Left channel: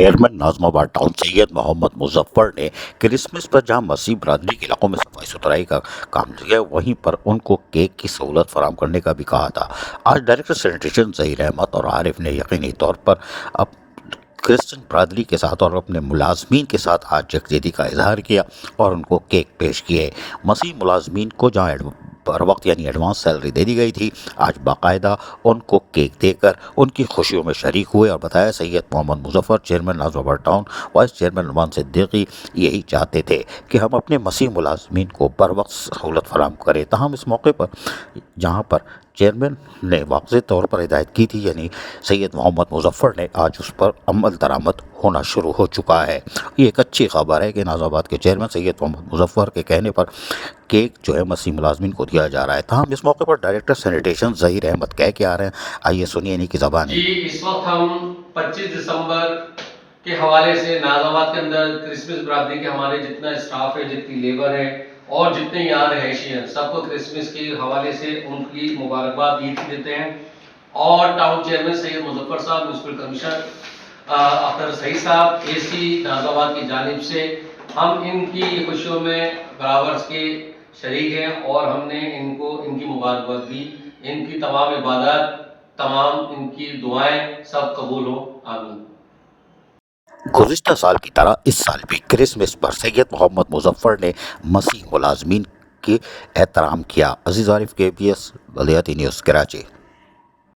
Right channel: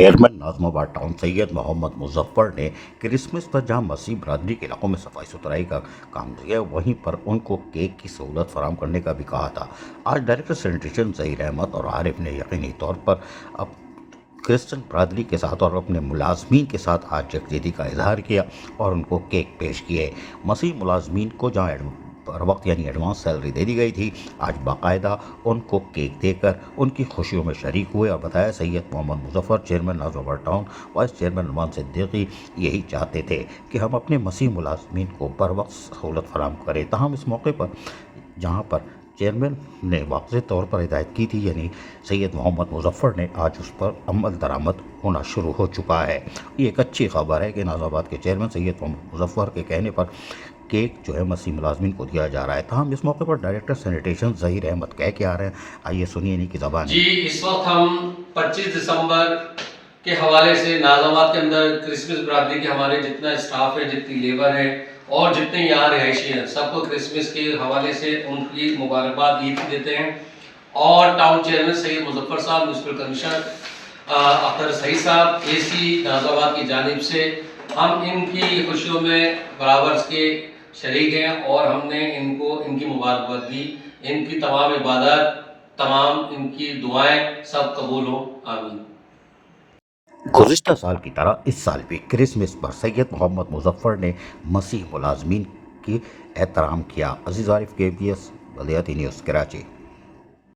Chairman ناظم town سید محمد مظفر نے Christmas پر جہاں مسیح برادری کے علاقوں میں صفائی ستھرائی کا کام کیا، وہیں پر ان کو کیک کی سہولت فراہم کرنے کا بھی کہا تھا۔ آج ڈائریکٹر سینیٹیشن ظہیر احمد اور عارف نے یقینی طور پر اب کرسچن برادری کے ساتھ اور اپنے ملازمین کے ساتھ آج یکجہتی کا اظہار کیا اور ان کو کیک پیش کیے۔ مسیح ملازمین کو جہاں پر وقت یعنی ایڈوانس سیلری دے دی گئی تھی، آج باقاعدہ ان کو کیک دے کر ان کی خوشیوں میں شریک ہوئے اور بتایا سید محمد مظفر، چیئرمین ناظم town, vice chairman Noman Siddiqui یہی چاہتے تھے کہ ہم اپنے مسیح ملازمین کو بر وقت سہولت فراہم کریں۔ تاہم اس موقع پر جہاں پر چیئرمین نے واضح طور پر ہدایت کی تھی، یعنی سید محمد مظفر نے، آج اس پر عمل درآمد ہونا شروع ہو چکا ہے۔ یہ ایک اچھی خبر ہے کہ ناظم آباد کے چیئرمین سید محمد مظفر کے کہنے پر کیک جو ہے مسیح ملازمین کو دیا جا رہا ہے۔ تاہم اس موقع پر ڈائریکٹر سینیٹیشن ظہیر احمد کہہ کے آ رہے ہیں، آئیے سنیے انہی کی زبان۔ جی، اس وقت ہم 25 دسمبر کے حوالے سے ناظم آباد کے اندر کرسمس برادری کے ہمارے جتنا اسٹاف ہے، جتنی لیبر ہے اور جتنے یہاں رہائشی ہیں، سب کو کرسمس کے حوالے سے ان کی مبارکباد عید کی دیتے ہیں۔ اور ٹاؤن چیئرمین سید مظفر صاحب، میونسپل کمشنر اختر سعید صاحب، اے سی ناظم آباد کی جانب سے ہم ان کی خوشیوں میں برابر کے شریک ہیں اور ہم نے ان کو ان کی مبارکباد دی۔ ان کی تمام عبادات، تمام ان کی دعائیں سب قبول ہوں، آمین۔ گزشتہ سال کی طرح اس سال بھی کرسمس پر سید محمد مظفر نے مسیح ملازمین کے احترام کیا۔ عزیز عارف، KBS بلدیاتی نیوز، کراچی۔